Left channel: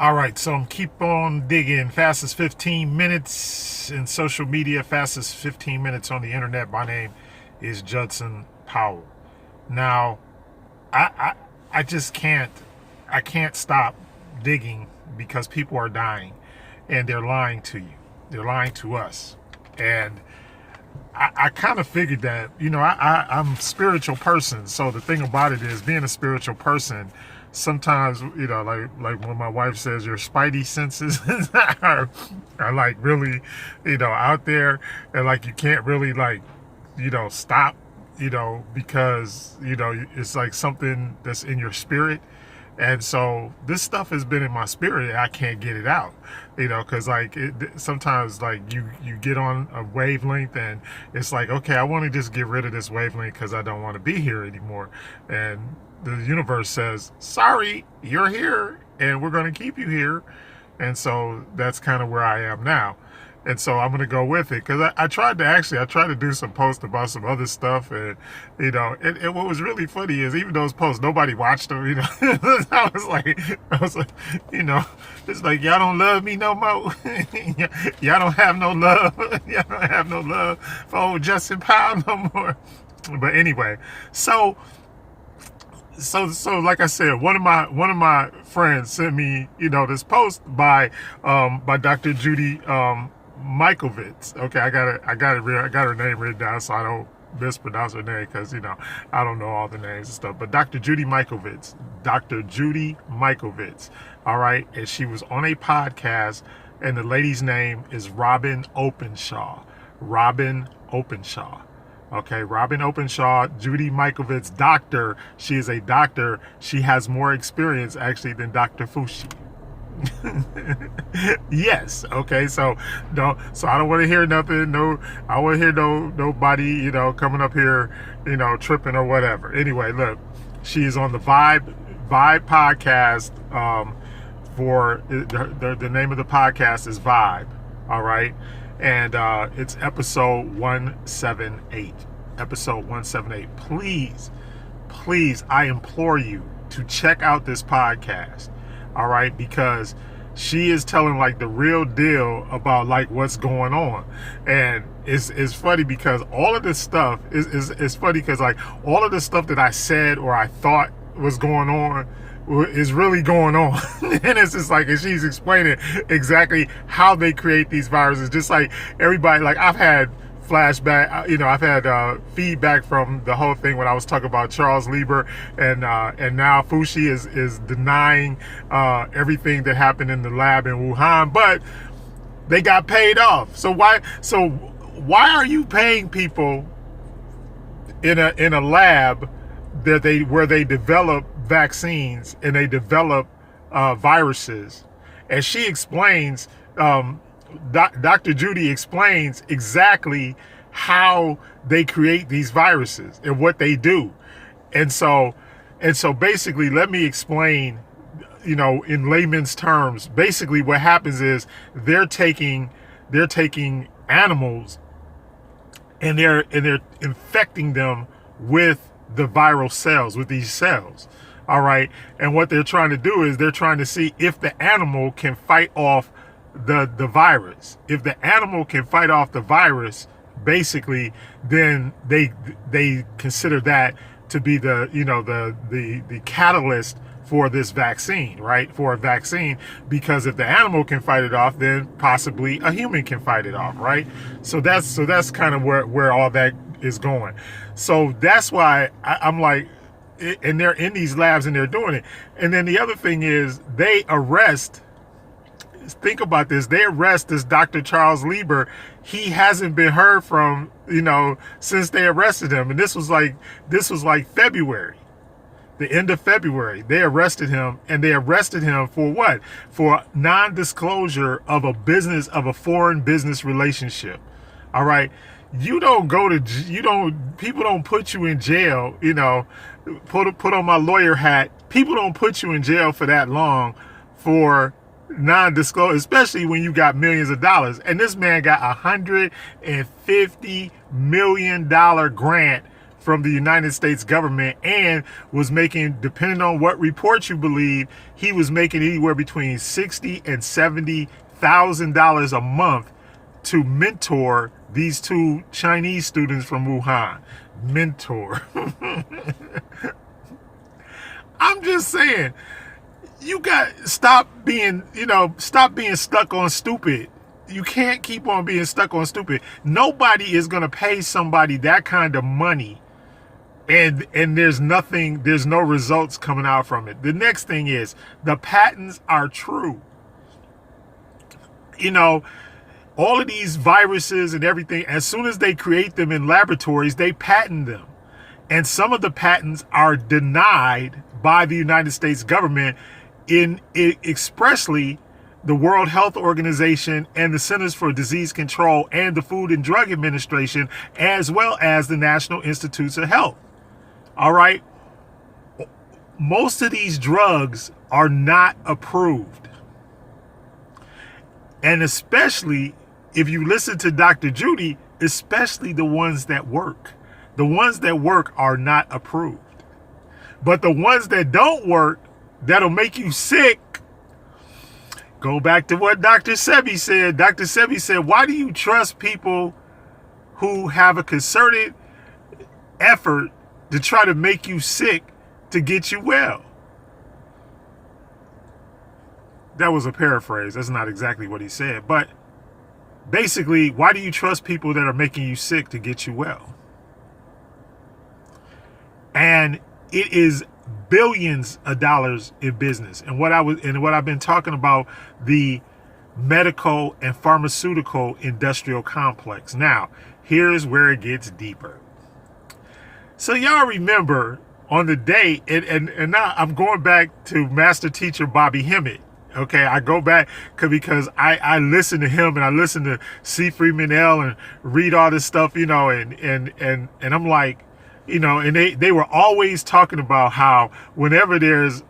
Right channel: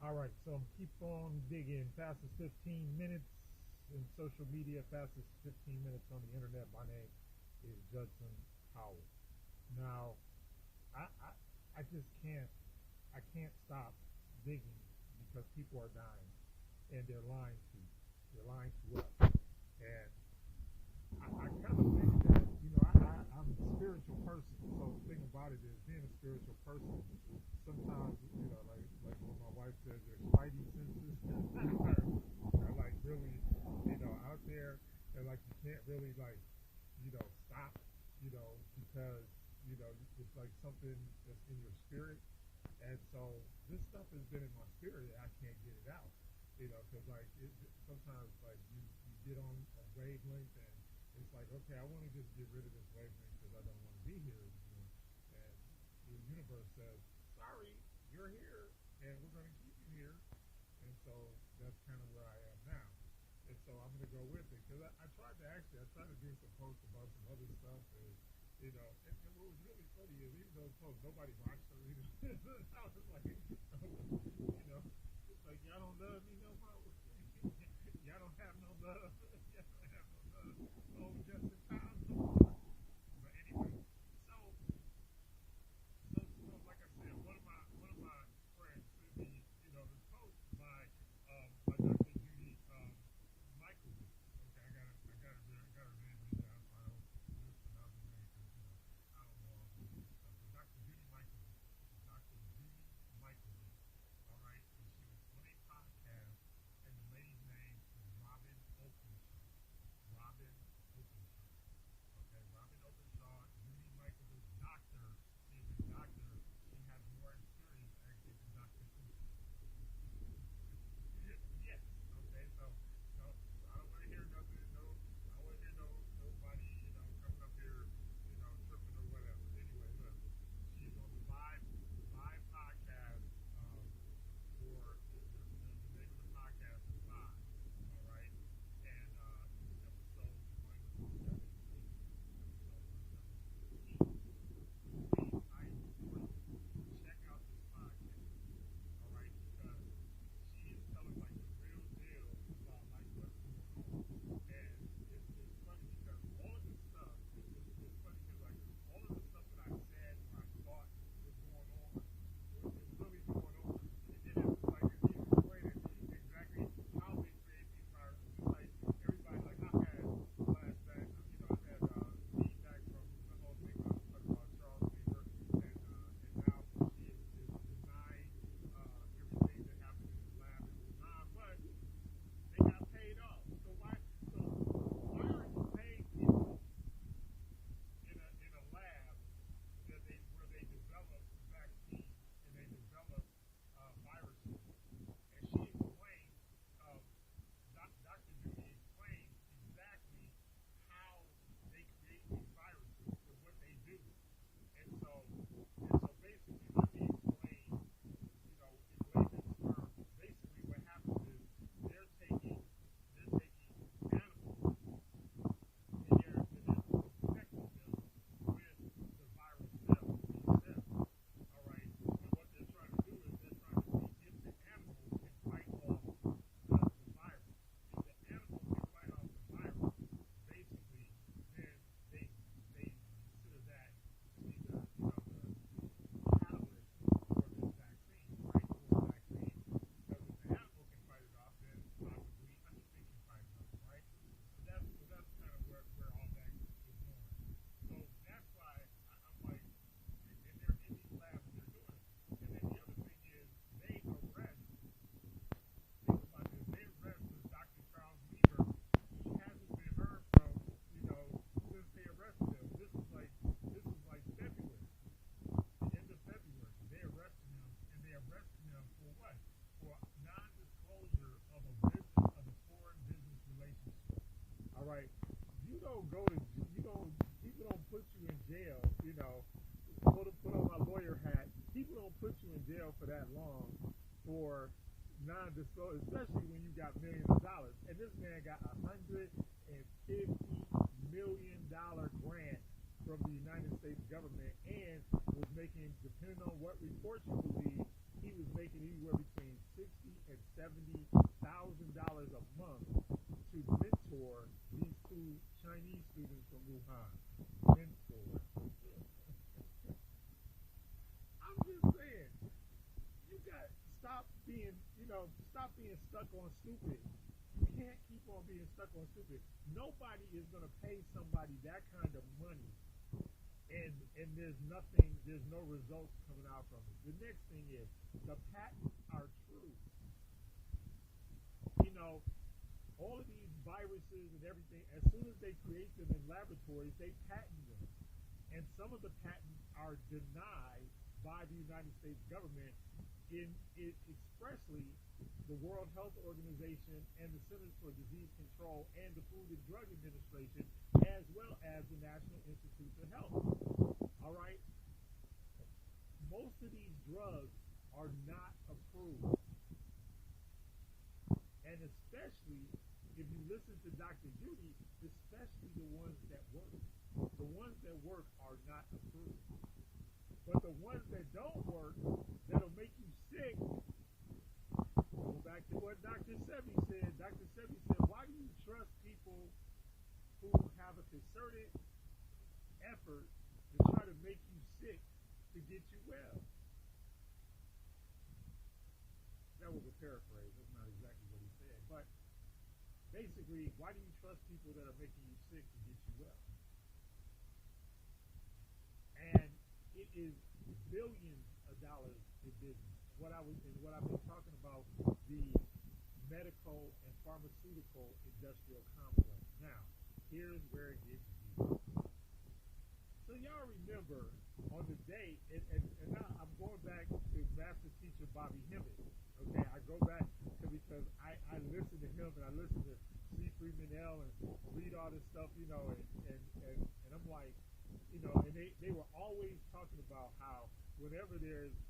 All right, so I'm keep on digging. Fastest 15 minutes in social media, fastest 15 minutes on the internet. My name is Judson Powell. Now, I, I, I just can't, I can't stop digging because people are dying, and they're lying to you. They're lying to us, and I kind of figured that, I'm a spiritual person. So the thing about it is, being a spiritual person, sometimes, like when my wife says your spidey senses are like really, out there, and like you can't really like, stop, because, it's like something that's in your spirit. And so this stuff has been in my spirit, and I can't get it out, because like sometimes like you get on a wavelength, and it's like, okay, I want to just get rid of this wavelength because I don't want to be here anymore. And the universe says, sorry, you're here, and we're going to keep you here. And so that's kind of where I am now. And so I'm gonna go with it because I tried to do some posts about some other stuff, and and what was really funny is, even those posts, nobody watched them. I was like, it's like, y'all don't love me no more. Y'all don't have no love. Y'all don't have no love for old Justin Powell no more. But anyway, so like I said, one of my friends sent me, this post by Dr. Judy Mikovits. Okay, I got her name written down so I don't mispronounce her name, because I don't know all the names and stuff. But Dr. Judy Mikovits, all right, and she was on a podcast, and the lady's name is Robin Openshaw. Okay, Robin Openshaw, Judy Mikovits, doctor. She is a doctor. She has more experience actually than Dr. Fushi. Yes. Okay. So no. So I don't want to hear nothing. No. I want to hear nobody. Coming up here. Tripping or whatever. Anyway, look. She is on the Vibe podcast. For the name of the podcast is Vibe. All right. And it's episode 178. Episode 178. Please, I implore you to check out this podcast. All right, because she is telling like the real deal about like what's going on. And it's funny because all of this stuff is funny, because like all of the stuff that I said or I thought was going on is really going on. And it's just like, and she's explaining exactly how they create these viruses. Just like everybody, like I've had flashback, I've had feedback from the whole thing when I was talking about Charles Lieber, and now Fushi is denying everything that happened in the lab in Wuhan, but they got paid off. So why are you paying people in a lab where they develop vaccines and they develop viruses? And she explains, Dr. Judy explains exactly how they create these viruses and what they do. And so basically, let me explain, in layman's terms. Basically what happens is they're taking animals, and they're infecting them with the viral cells, with these cells. All right. And what they're trying to do is they're trying to see if the animal can fight off the virus. If the animal can fight off the virus, basically, then they consider that to be the catalyst for this vaccine, right? For a vaccine, because if the animal can fight it off, then possibly a human can fight it off, right? So that's kind of where all that is going. So that's why I'm like, and they're in these labs and they're doing it. And then the other thing is, they arrest. Think about this. They arrest this Dr. Charles Lieber. He hasn't been heard from, since they arrested him. And this was like February, the end of February. They arrested him, and they arrested him for what? For non-disclosure of a foreign business relationship. All right. People don't put you in jail, put on my lawyer hat. People don't put you in jail for that long for non-disclosure, especially when you got millions of dollars. And this man got $150 million grant from the United States government, and was making, depending on what reports you believe, he was making anywhere between $60,000 and $70,000 a month to mentor these two Chinese students from Wuhan. Mentor. I'm just saying, you got stop being stuck on stupid. You can't keep on being stuck on stupid. Nobody is going to pay somebody that kind of money and there's no results coming out from it. The next thing is, the patents are true. All of these viruses and everything, as soon as they create them in laboratories, they patent them. And some of the patents are denied by the United States government, expressly the World Health Organization and the Centers for Disease Control and the Food and Drug Administration, as well as the National Institutes of Health. All right. Most of these drugs are not approved. And especially if you listen to Dr. Judy, especially the ones that work. The ones that work are not approved. But the ones that don't work, that'll make you sick. Go back to what Dr. Sebi said. Dr. Sebi said, why do you trust people who have a concerted effort to try to make you sick to get you well? That was a paraphrase. That's not exactly what he said. But basically, why do you trust people that are making you sick to get you well? And it is billions of dollars in business. And what I've been talking about, the medical and pharmaceutical industrial complex. Now, here's where it gets deeper. So y'all remember on the day, and now I'm going back to Master Teacher Bobby Hemmett. Okay, I go back because I listen to him and I listen to C. Freeman L. and read all this stuff, and I'm like, and they were always talking about how whenever there's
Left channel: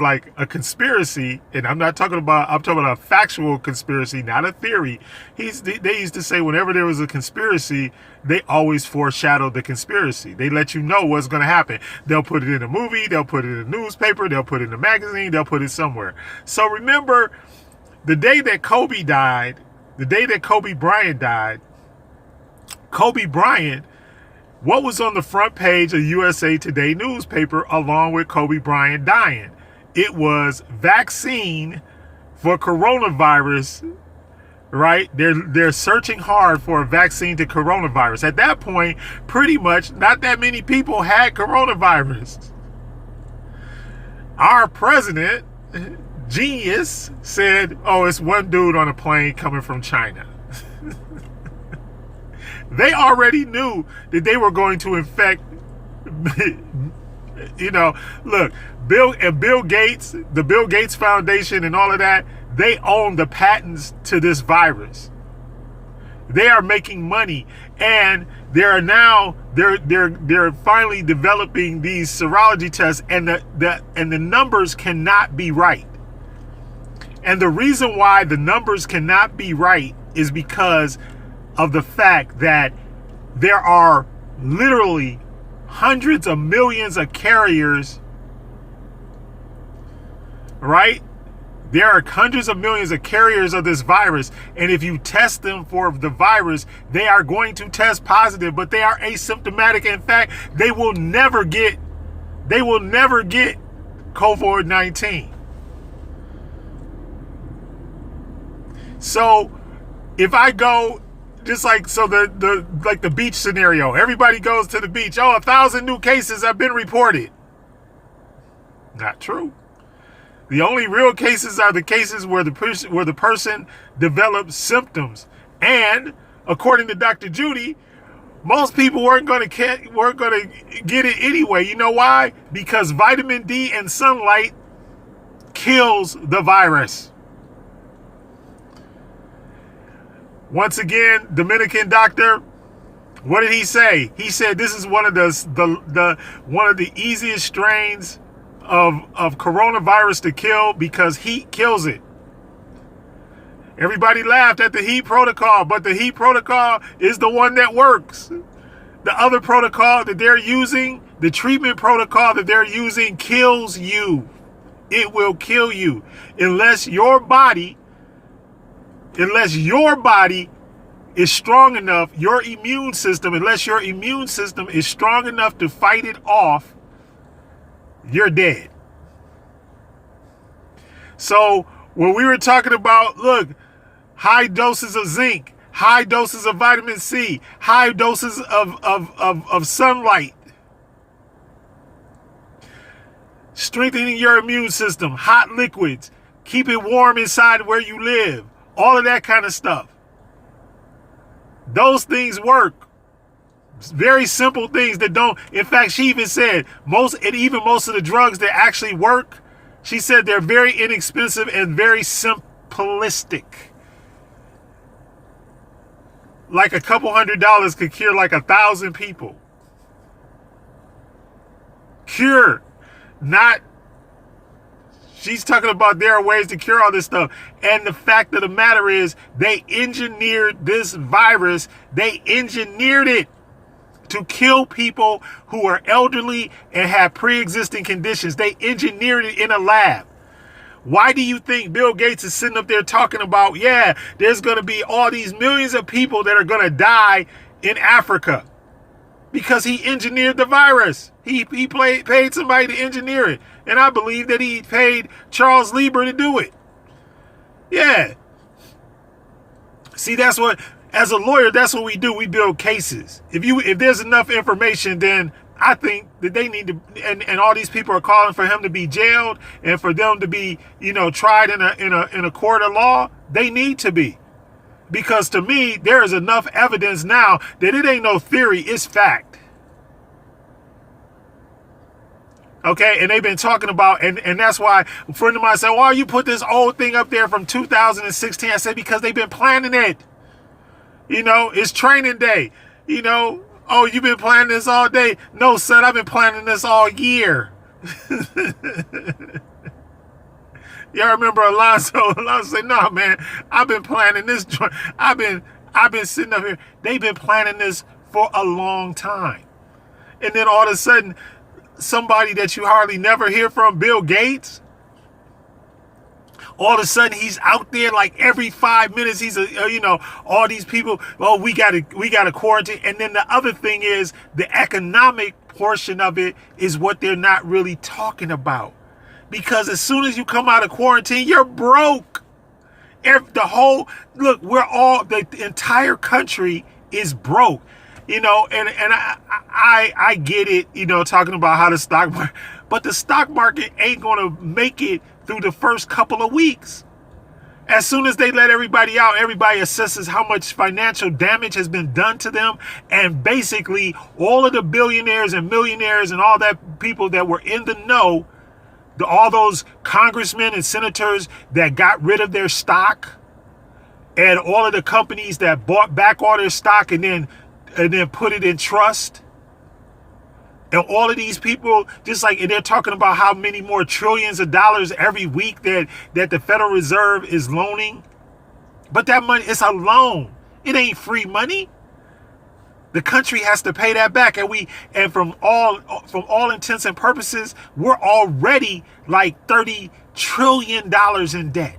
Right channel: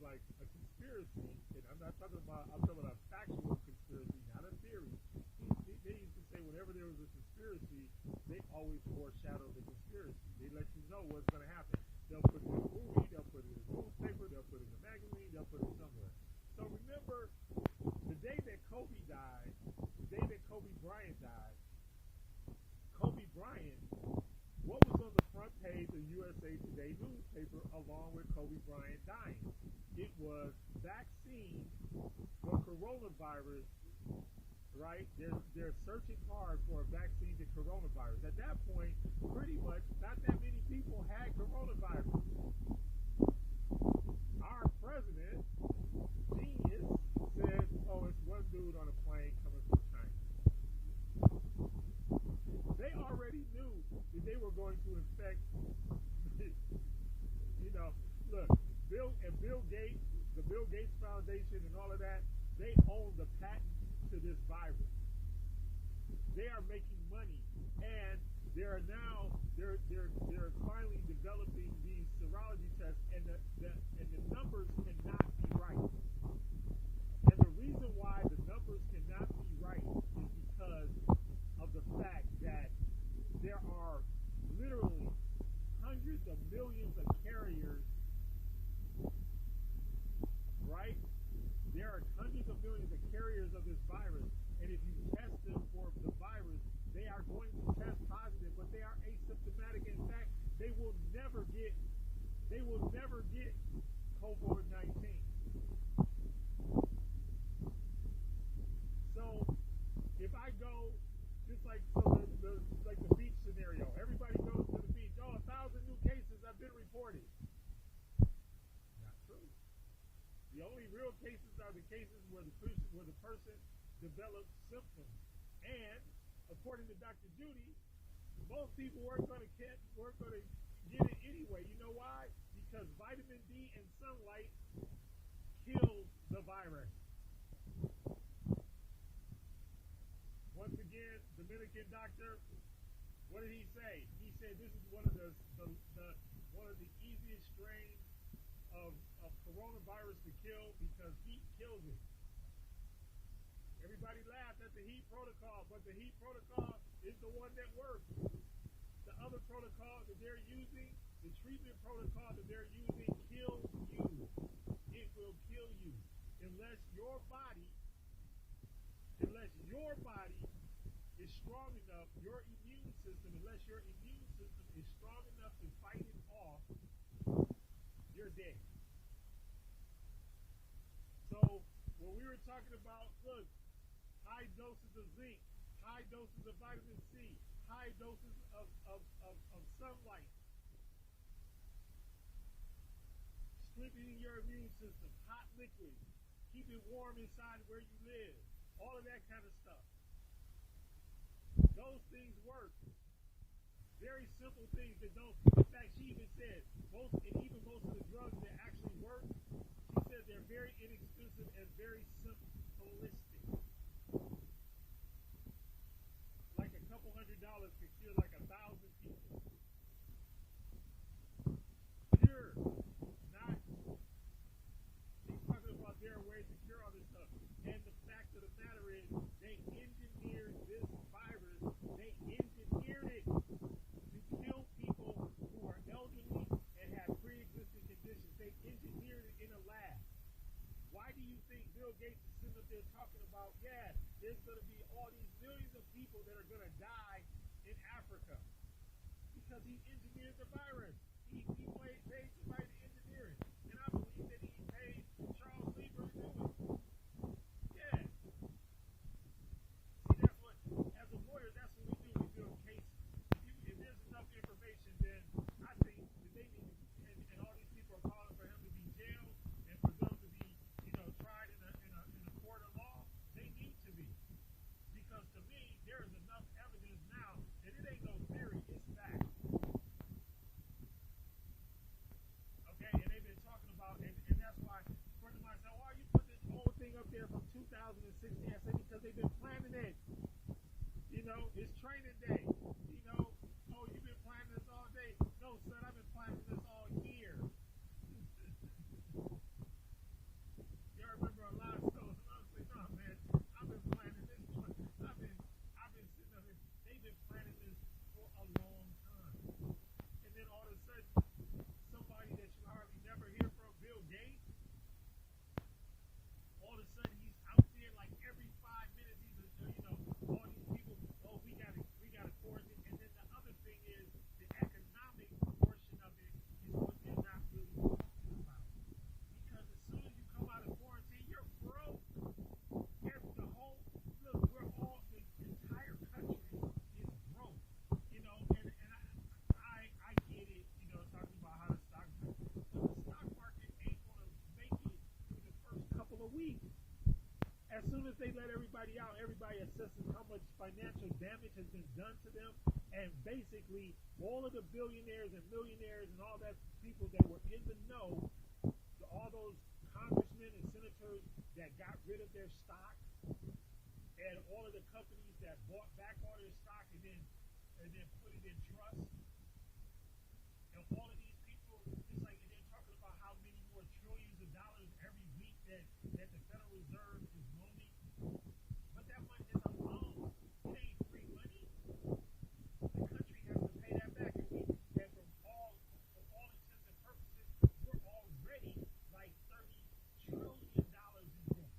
like a conspiracy, and I'm talking about a factual conspiracy, not a theory. They used to say whenever there was a conspiracy, they always foreshadowed the conspiracy. They let you know what's going to happen. They'll put it in a movie, they'll put it in a newspaper, they'll put it in a magazine, they'll put it somewhere. So remember, the day that Kobe Bryant died, Kobe Bryant, what was on the front page of USA Today newspaper along with Kobe Bryant dying? It was vaccine for coronavirus, right? They're searching hard for a vaccine to coronavirus. At that point, pretty much not that many people had coronavirus. Our president, genius, said, oh, it's one dude on a plane coming from China. They already knew that they were going to infect, look, Bill Gates, the Bill Gates Foundation and all of that, they own the patents to this virus. They are making money, and they're finally developing these serology tests, and the numbers cannot be right. And the reason why the numbers cannot be right is because of the fact that there are literally hundreds of millions of carriers, right? There are hundreds of millions of carriers of this virus, and if you test them for the virus, they are going to test positive, but they are asymptomatic. In fact, they will never get COVID-19. So if I go, just like, so the beach scenario, everybody goes to the beach. Oh, 1,000 new cases have been reported. Not true. The only real cases are the cases where the person develops symptoms. And according to Dr. Judy, most people weren't going to get it anyway. You know why? Because vitamin D and sunlight kills the virus. Once again, Dominican doctor, what did he say? He said this is one of the easiest strains of coronavirus to kill because heat kills it. Everybody laughed at the heat protocol, but the heat protocol is the one that works. The other protocol that they're using, the treatment protocol that they're using, kills you. It will kill you unless your body is strong enough, your immune system, unless your immune system is strong enough to fight it off, you're dead. So when we were talking about, look, high doses of zinc, high doses of vitamin C, high doses of sunlight, strengthening your immune system, hot liquids, keep it warm inside where you live, all of that kind of stuff. Those things work. Very simple things that don't. In fact, she even said most of the drugs that actually work, she said they're very inexpensive and very simplistic. Like a couple $100 could cure like 1,000 people. Cure, not. She's talking about there are ways to cure all this stuff. And the fact of the matter is they engineered this virus. They engineered it to kill people who are elderly and have pre-existing conditions. They engineered it in a lab. Why do you think Bill Gates is sitting up there talking about, yeah, there's going to be all these millions of people that are going to die in Africa? Because he engineered the virus. He paid somebody to engineer it. And I believe that he paid Charles Lieber to do it. Yeah. See, that's what, as a lawyer, that's what we do. We build cases. If there's enough information, then I think that they need to, and all these people are calling for him to be jailed and for them to be, tried in a court of law. They need to be. Because to me, there is enough evidence now that it ain't no theory, it's fact. Okay, and they've been talking about, and that's why a friend of mine said, why you put this old thing up there from 2016? I said, because they've been planning it. It's training day. Oh, you've been planning this all day? No, son, I've been planning this all year. Y'all remember Alonzo? Alonzo said, no, man, I've been planning this. I've been sitting up here. They've been planning this for a long time. And then all of a sudden, somebody that you hardly never hear from, Bill Gates, all of a sudden he's out there like every 5 minutes. He's all these people. Oh, we got to quarantine. And then the other thing is the economic portion of it is what they're not really talking about, because as soon as you come out of quarantine, you're broke. The entire country is broke. And I get it, talking about how the stock market, but the stock market ain't going to make it through the first couple of weeks. As soon as they let everybody out, everybody assesses how much financial damage has been done to them. And basically all of the billionaires and millionaires and all that people that were in the know, all those congressmen and senators that got rid of their stock, and all of the companies that bought back all their stock and then put it in trust. And all of these people, and they're talking about how many more trillions of dollars every week that the Federal Reserve is loaning. But that money is a loan. It ain't free money. The country has to pay that back. And from all intents and purposes, we're already like $30 trillion in debt.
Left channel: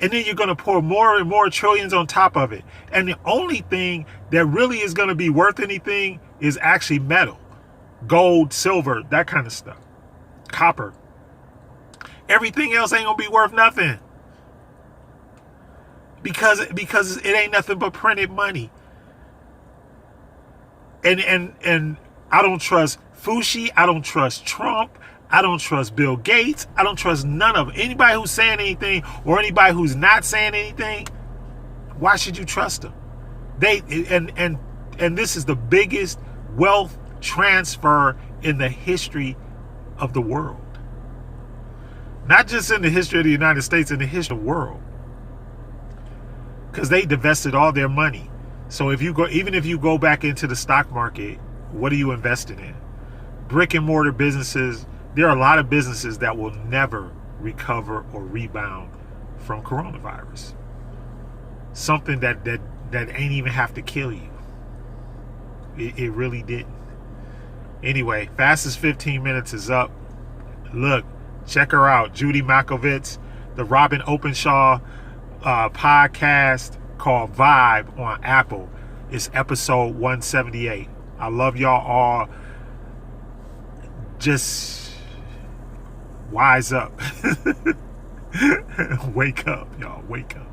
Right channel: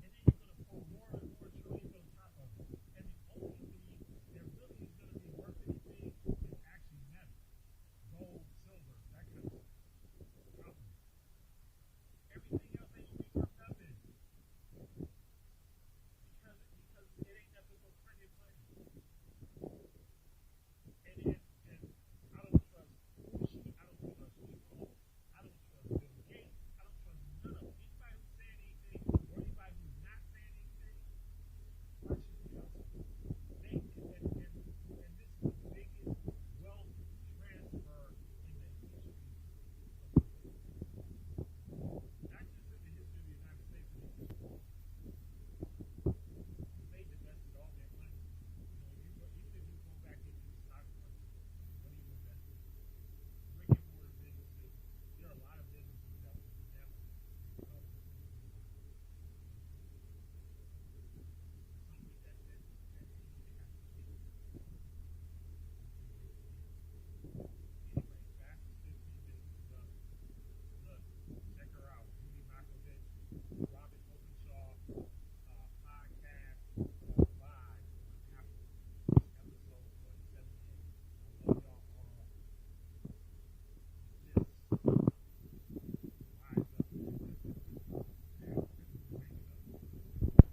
And then you're going to pour more and more trillions on top of it. And the only thing that really is going to be worth anything is actually metal. Gold, silver, that kind of stuff. Copper. Everything else ain't going to be worth nothing. Because it ain't nothing but printed money. And I don't trust Fauci. I don't trust Trump. I don't trust Bill Gates. I don't trust none of them. Anybody who's saying anything or anybody who's not saying anything, why should you trust them? And this is the biggest wealth transfer in the history of the world. Not just in the history of the United States, in the history of the world. Because they divested all their money. So even if you go back into the stock market, what are you invested in? Brick and mortar businesses. There are a lot of businesses that will never recover or rebound from coronavirus. Something that ain't even have to kill you. It really didn't. Anyway, Fastest 15 Minutes is up. Look, check her out. Judy Makovitz, the Robin Openshaw podcast called Vibe on Apple. It's episode 178. I love y'all all. Just wise up. Wake up, y'all. Wake up.